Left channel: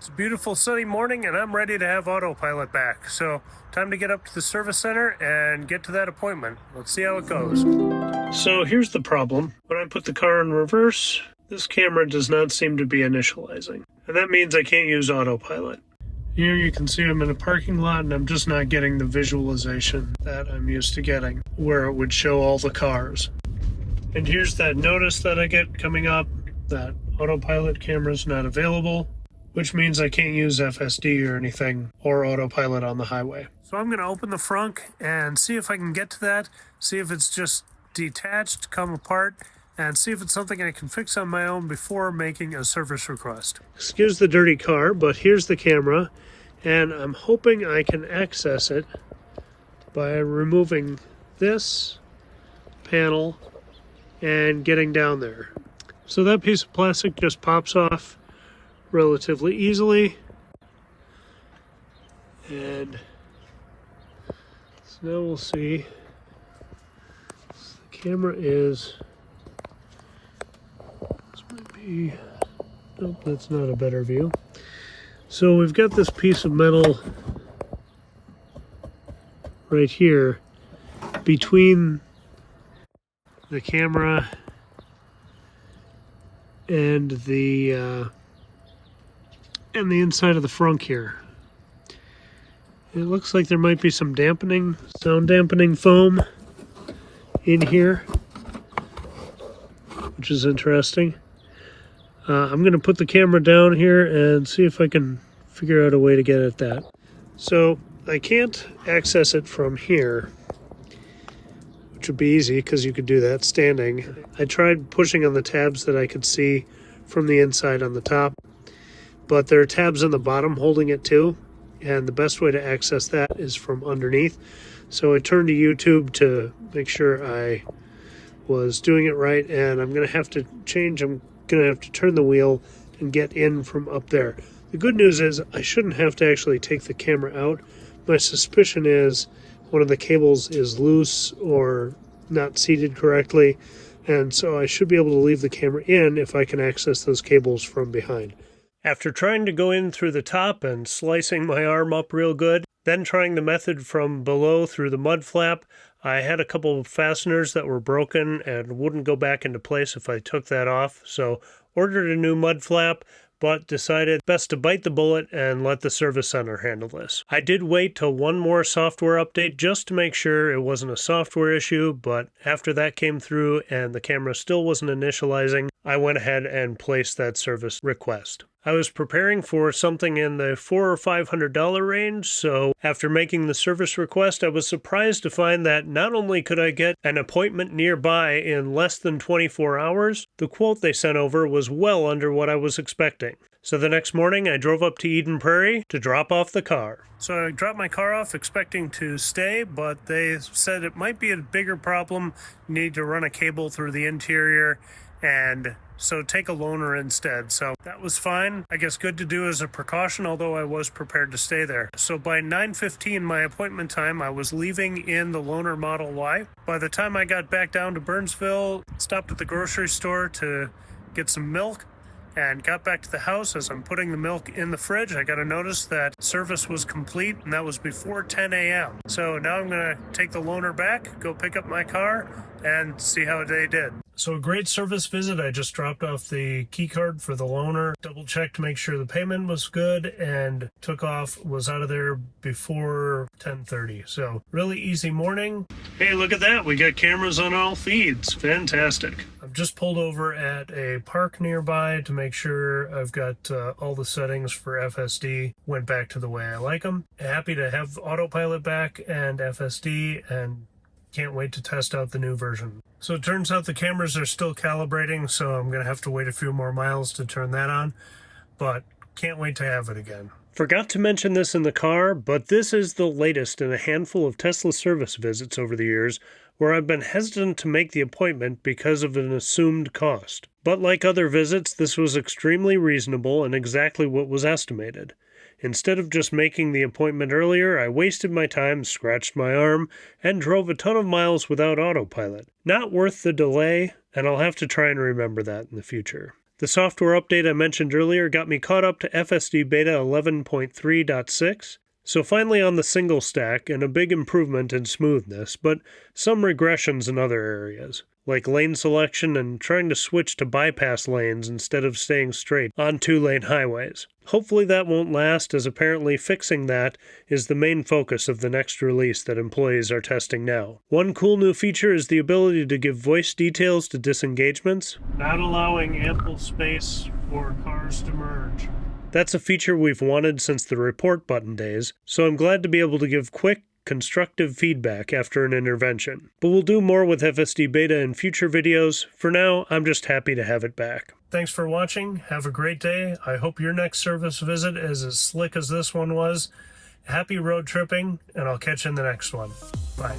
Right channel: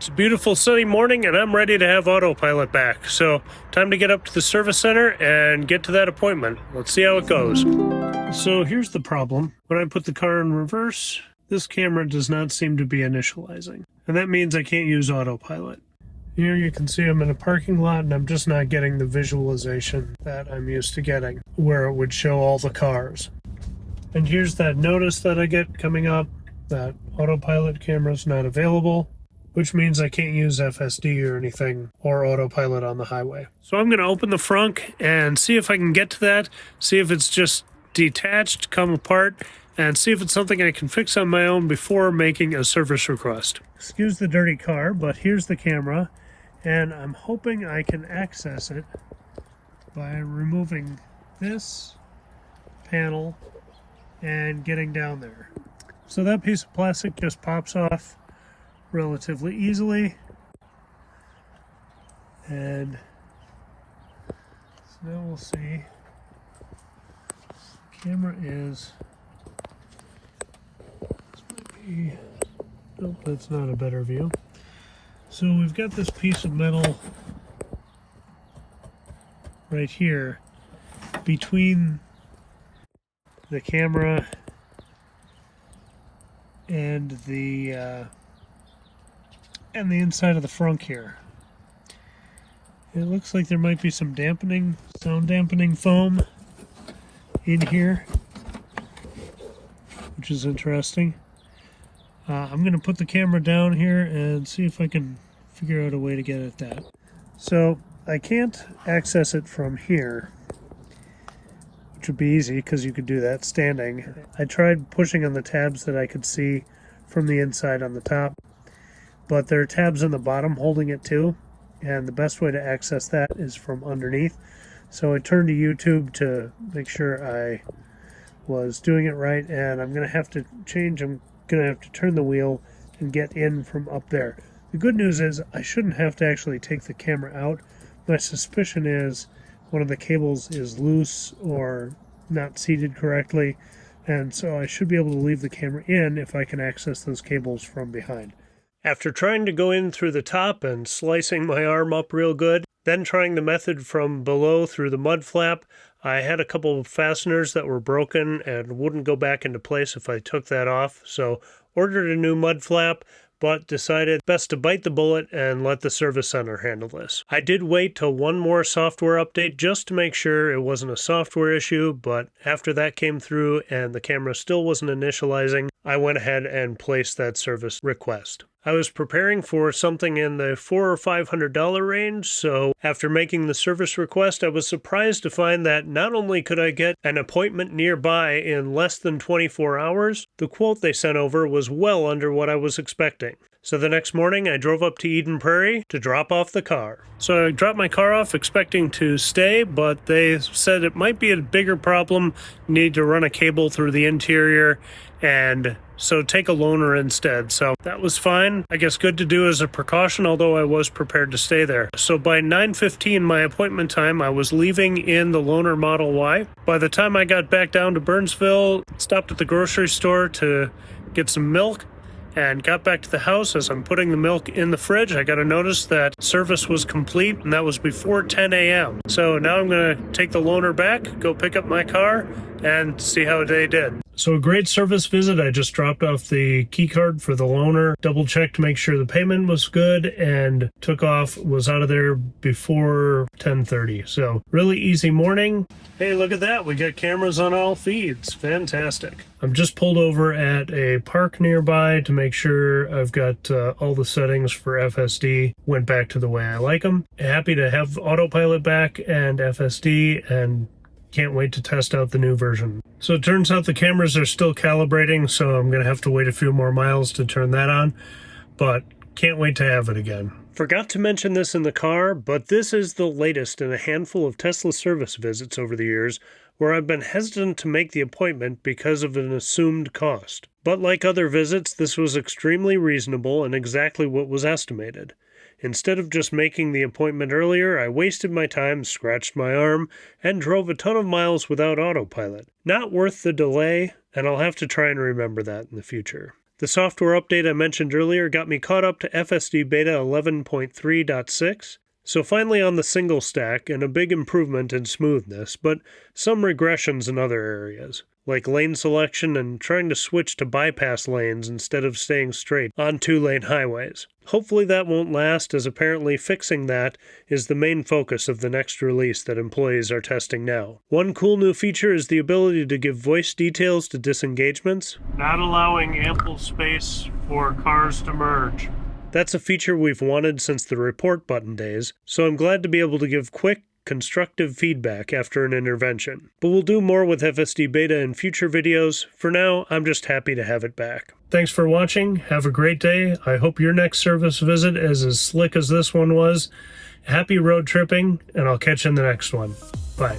It's a beautiful sunny morning and I'm ready to have Autopilot back. So time to get up to the service center and get to that appointment. Let's see how it goes. So here's the problem. When I put the car in reverse, this camera does not seem to be initializing. And that means I can't use Autopilot. Here you can see I'm in a parking lot and I'm just not getting the visualization that I'm used to getting, where it would show all the cars. And here's that notice that I get coming up that Autopilot camera's not available, which means I can't use FSD or anything or Autopilot on the highway. So I'm going to open the frunk and see if I can get to that, see if it's just detached, come apart, and see if it's something I can fix on my own before making a service request. Excuse the dirty car, but here's the camera, and I'm hoping I can access it by removing this panel and getting down there. So that piece of plastic just pops off relatively easily, and so now we'll see. The camera is, this might be, nope, that's not a better view. So we've got this piece of metal right here between the camera and the inside of the frunk here. It looks like there might be some sound dampening foam in here, which is interesting. I'm going to put the camera down here and see if I can figure out a way to get at that. So I can't access it from here, which would be easy because you could do that standing. I tried pushing on the tabs that I could see from the inside on the top, but there are tabs on the bottom holding it too, and the best way to access that is from underneath. So I turned to YouTube to make sure I was doing it right, and I'm going to have to change. I'm going to have to turn the wheel and get in from up there. The good news is I shouldn't have to actually take the camera out. My suspicion is one of the cables is loose or not seated correctly, and so I should be able to leave the camera in if I can access those cables from behind. After trying to go in through the top and slicing my arm up real good, then trying the method from below through the mud flap, I had a couple of fasteners that were broken and wouldn't go back into place if I took that off, so ordered a new mud flap, but decided best to bite the bullet and let the service center handle this. I did wait till one more software update just to make sure it wasn't a software issue, but after that came through and the camera still wasn't initializing, I went ahead and placed that service request. I was preparing for something in the $400 or $500 range, so after making the service request, I was surprised to find that not only could I get an appointment nearby in less than 24 hours, the quote they sent over was well under what I was expecting. So the next morning, I drove up to Eden Prairie to drop off the car. So I dropped my car off expecting to stay, but they said it might be a bigger problem. You need to run a cable through the interior, and so take a loaner instead. So that was fine. I guess good to do as a precaution, although I was prepared to stay there. So by 9:15, my appointment time, I was leaving in the loaner Model Y. By the time I got back down to Burnsville, stopped at the grocery store to get some milk, and got back to the house. As I'm putting the milk in the fridge, I got a notice that service was complete, and that was before 10 a.m. So now I'm going to take the loaner back, go pick up my car, and see how they did. So a great service visit. I just dropped off the key card for the loaner, double checked to make sure the payment was good, and took off, was out of there before 10:30. So really easy morning. Hey, look at that. We got cameras on all feeds. Fantastic. I'm just pulled over at a park nearby to make sure I've got all the settings for FSD went back to the way I like them. Happy to have Autopilot back and FSD, and can't wait to test out the new version. So it turns out the cameras are still calibrating, so I'm going to have to wait a few more miles to turn that on, but can't wait to have it again. Forgot to mention this in the car, but this is the latest in a handful of Tesla service visits over the years where I've been hesitant to make the appointment because of an assumed cost. But like other visits, this was extremely reasonable and exactly what was estimated. Instead of just making the appointment earlier, I wasted my time, scratched my arm, and drove a ton of miles without Autopilot. Not worth the delay, and I'll have to try and remember that in the future. The software update I mentioned earlier got me caught up to FSD Beta 11.3.6, so finally on the single stack and a big improvement in smoothness, but some regressions in other areas, like lane selection and trying to switch to bypass lanes instead of staying straight on 2-lane highways. Hopefully that won't last, as apparently fixing that is the main focus of the next release that employees are testing now. One cool new feature is the ability to give voice details to disengagements, not allowing ample space for cars to merge. That's a feature we've wanted since the report button days, so I'm glad to be able to give quick, constructive feedback after an intervention. But we'll do more with FSD Beta in future videos. For now, I'm just happy to have it back. Thanks for watching. Have a great day. I hope your next service visit is as slick as this one was. Happy road tripping, and I'll catch you in the next one. Bye.